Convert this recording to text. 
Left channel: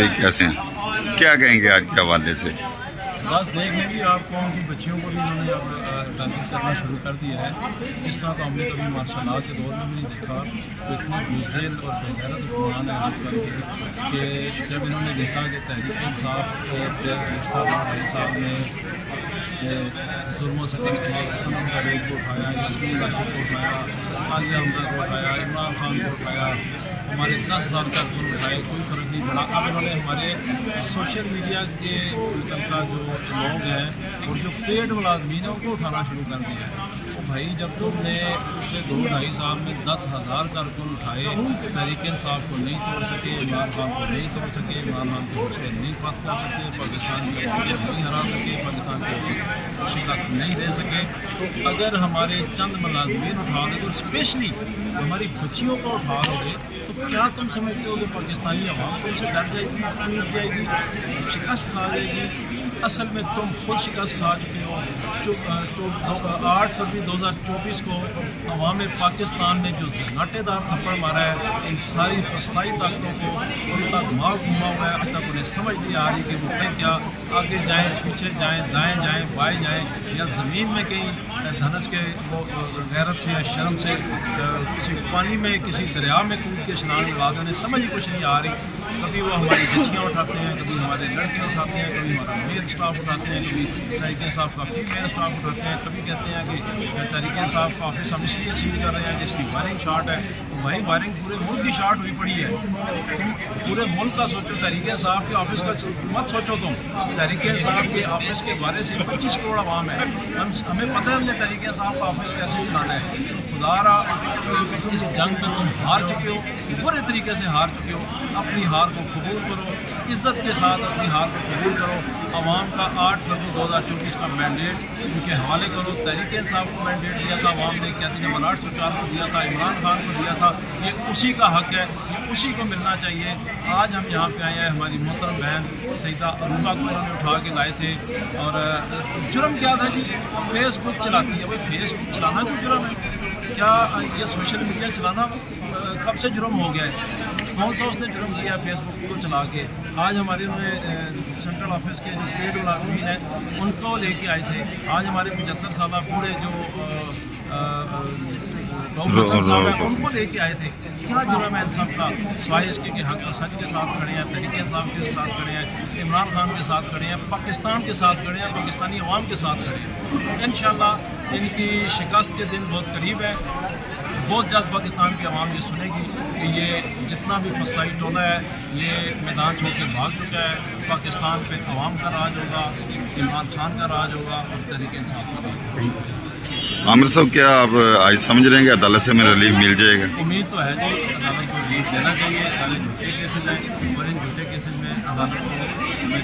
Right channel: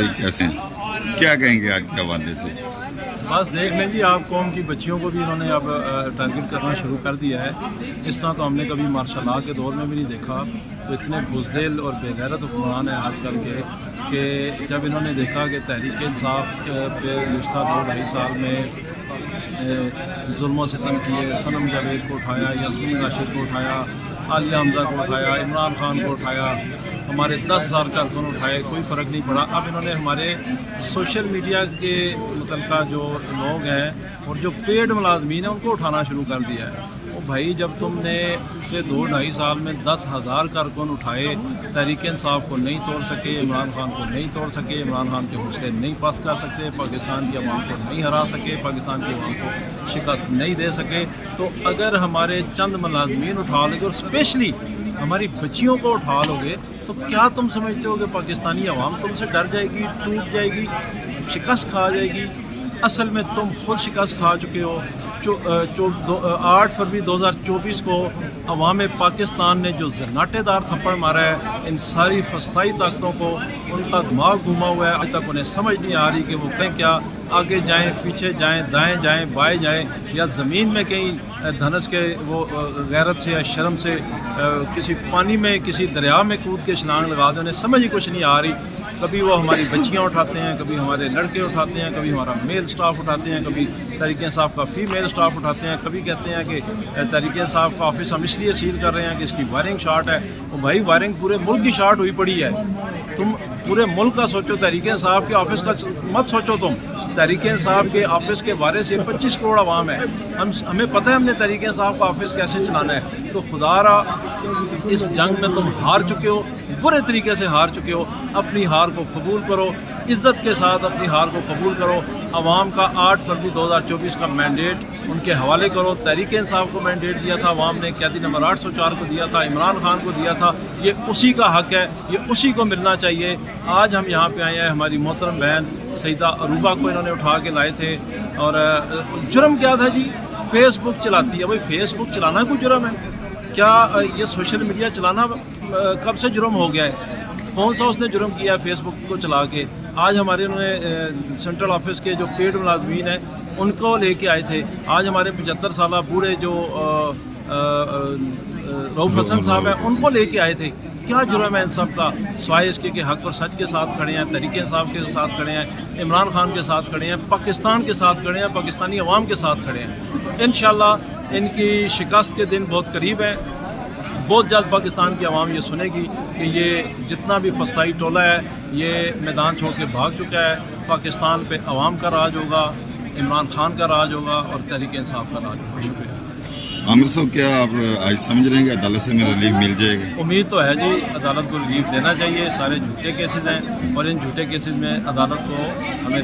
بھائی کیسے ہیں؟ کیا کہیں گے آج کے حوالے سے؟ بس دیکھ لیں جی، آپ قوم کی بچیوں کو بھی انہوں نے اب ٹارگٹ کرنا شروع کر دیا ہے۔ اس طرح تو ہم نے کبھی مارشل لا کے دور میں بھی نہیں دیکھا کہ اتنے بزدل اور بے غیرت حکمران ہیں آج کل کے، کہ جب انہوں نے دیکھا کہ تحریک انصاف پہ گزشتہ 2-2.5 سال میں ظلم و ستم کیے، صنم جاوید کو اٹھایا، یاسمین راشد کو اٹھایا، عالیہ حمزہ کو اٹھایا، عمران خان کو اٹھایا، ہمارے 10,000 کارکن اٹھائے، کوئی فرق نہیں پڑا۔ اب انہوں نے ہمارے سوشل میڈیا کے متعلقہ جو لوگ ہیں اور جو پیڈ ملازمین ہیں ان کو اٹھانا شروع کر دیا ہے۔ وہ بھائی جب تم نے پچھلے 2-2.5 سال میں 10,000 کارکن اٹھائے، تحریک انصاف کو نہیں توڑ سکے، عمران خان کو نہیں توڑ سکے، عمران خان کے حوصلے نہیں پست کر سکے، پاکستان کی عوام کو نہیں ہرا سکے، پاکستان کی عوام کو شکست نہیں دے سکے، تو اگر ہمارے چند ملازمین اٹھا لو گے اور اسپیشلی ہماری بچیوں کو اٹھا لو گے تو کیا تم سمجھتے ہو کہ پاکستانی عوام تم سے ڈر جائے گی، ٹوٹ جائے گی، شکست کھا جائے گی؟ اصل میں تم خود شکست کھا چکے ہو۔ 8 فروری 2024 کو عوام پاکستان نے جو زناٹے دار تھپڑ مارا ہے، ان ساری فسطائی طاقتوں کو ان کا دماغ گھوما ہوا ہے، آج تک انہیں سمجھ نہیں آ رہی کہ وہ کہیں کیا، آگے جائیں، پیچھے جائیں، دائیں جائیں، بائیں جائیں، یا زمین میں کہیں دھنس کے وہ غیرت سے یا شرم سے کسی پانی میں کسی دریا میں کود کے چھلانگ لگا دیں، انہیں سمجھ ہی کچھ نہیں آ رہی۔ کبھی وہ ہماری بچیاں اٹھاتے ہیں، کبھی ہمارے لڑکے اٹھاتے ہیں، کبھی ہمارا میل سٹاف اٹھاتے ہیں، کبھی تحریک انصاف کا فیمیل سٹاف اٹھاتے ہیں، کبھی کہتے ہیں کہ تحریک انصاف کا آفس ہم اس لیے سیل کر رہے ہیں کہ اس کی وائرنگ شارٹ ہے۔ تو بھائی وائرنگ پورے ملک کی شارٹ ہوئی پڑی ہے، تم پورے ملک کا سوچو، تحریک انصاف کے آفس کا مت سوچو تم۔ تحریک انصاف کے آفس کے بارے سے 25 کروڑ عوام ہے، ہمیں پتہ ہے ہم نے تحریک انصاف کا آفس کیسے چلانا ہے۔ تو خدا را اس جنگ میں تم ہار چکے ہو، برے طریقے سے ہار چکے ہو، اپنی ہار کو قبول کرو، عزت کے ساتھ اپنی ہار کو قبول کرو۔ عوام کا 8 فروری 2024 کا مینڈیٹ ان کے حوالے کرو۔ تحریک انصاف کو مینڈیٹ دیا تھا عوام نے، قیدی نمبر 804 کو دیا تھا، عمران خان کو دیا تھا، یہ اسی کا حق ہے، یہ اسی کو ملنا چاہیے۔ آج ہم یہاں پہ آئے ہیں، ہماری محترم بہن سیدہ عروبہ کو انہوں نے اٹھا کے لائے تھے، اور جرم کیا تھا جی؟ فیس بک چلاتی ہے۔ بھائی فیس بک چلانا کوئی جرم ہے کیا؟ یہ سوشل میڈیا چلانا کب سے جرم ہو گیا ہے؟ کون سا اس نے جرم کیا ہے فیس بک کو چلا کے؟ آج ہمارے انہوں نے سینٹرل آفس کے جو پیڈ ملازمین ہیں ان کو لے کے آئے تھے۔ آج ہمارے 75 سالہ بوڑھے جو رؤف حسن صاحب ہیں ان کو لے کے آئے تھے۔ کیا جرم ہے ان سب کا؟ سوائے اس کے حق اور سچ کے ساتھ کھڑے ہیں، تحریک انصاف کے ساتھ کھڑے ہیں، عمران خان کے ساتھ کھڑے ہیں، پاکستان کے ساتھ کھڑے ہیں، پاکستانی عوام کے ساتھ کھڑے ہیں۔ انشاءاللہ ان کی شکست کے دن بہت قریب ہے۔ بہت جلد پاکستان کی عوام یہ سنے گی کہ یہ جتنا بھی فسطائی ٹولہ ہے یہ میدان چھوڑ کے بھاگ چکا ہے۔ پاکستان پہ عوام کا راج ہوگا، عمران خان کا راج ہوگا اور تحریک انصاف کا راج ہوگا۔ عامر صاحب کیا آپ آج سمجھ رہے ہیں کہ عدالت سے ہمیں ریلیف مل جائے گا؟ امید تو ہے جی، عدالت کو ریلیف دینا چاہیے۔ سارے جھوٹے کیسز ہیں اور ان جھوٹے کیسز میں عدالت کو ہمیں